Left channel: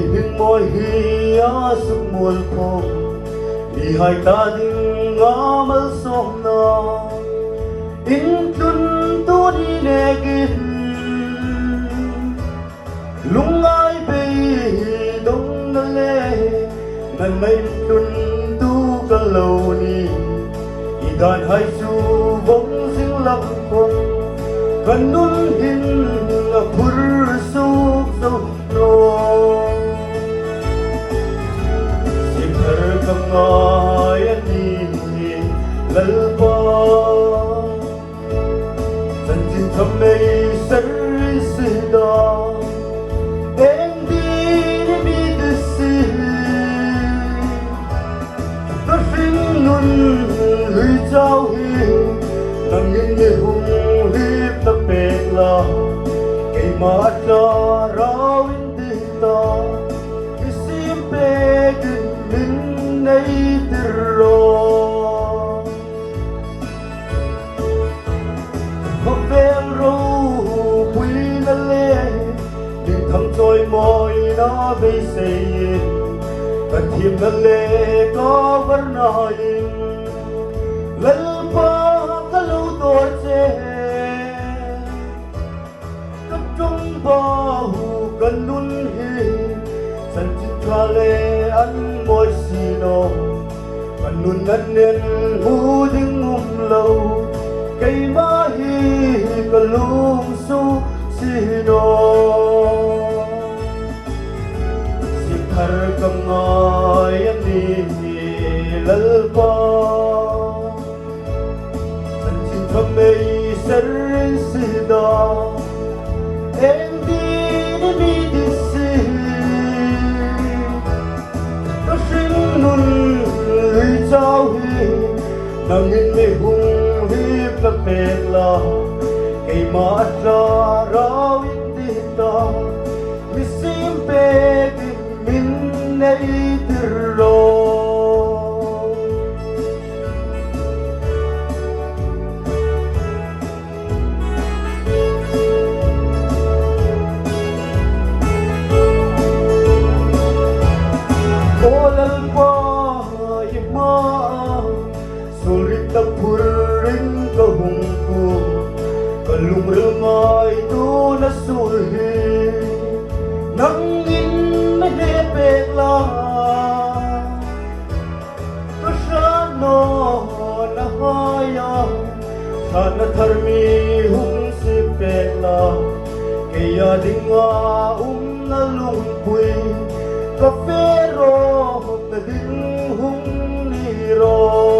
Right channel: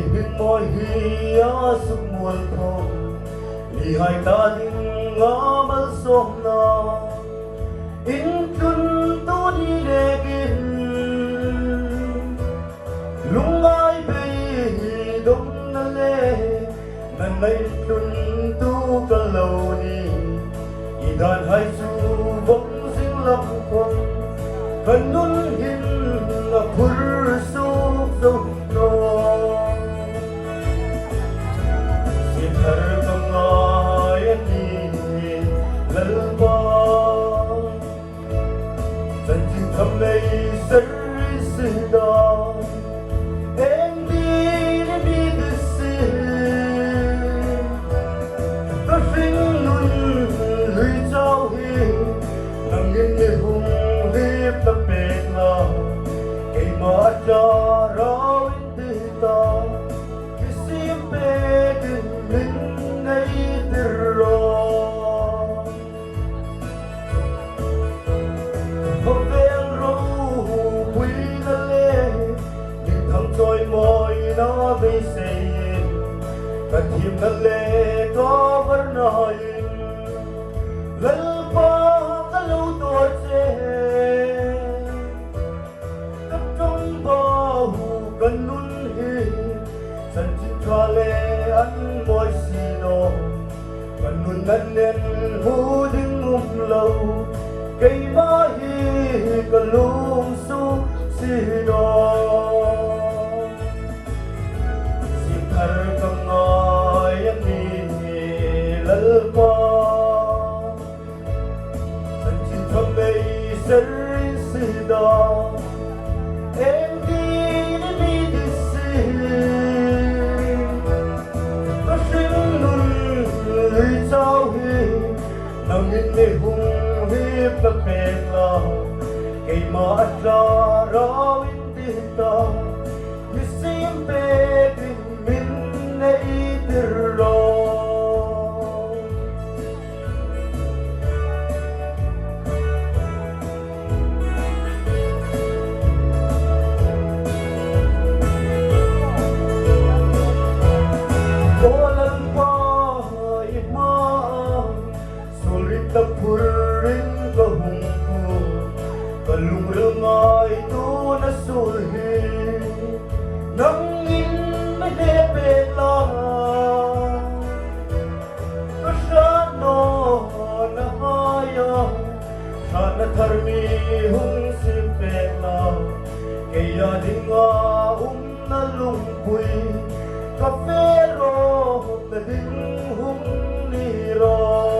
ibig mo'y hiyasumul ko, lihay tading amalsom na intun to dinegin lungay bay dong nale nanay tun tu kalaw ni idan hay chu bong sing lap po kanun hin pur suk dong do sitar kamay ni lalpa sanjin kamay sarisida nang ini hung hip ta pekla kay mata rawin dita kisim pegin min nay tiro mabel ro hui na le din thăm tôi môi na bay say cả thêm na le có var nai lalpa kanun hi sanjit kale an moy sino kanun nanin huding umlaw kay mahi kalung su sino sikar kamay ni lalpa sanjit kamay sarisida nang hindi hung hip na pekla kay mata rawin dita misim pegin min na itiro olang pa ima sulit na purin kahung ko kalumramay to na sulhi nang inahepek lang kasama na haya sana tarmi hong sipek lang kaya di nga nalungkoy kapero na din hong niro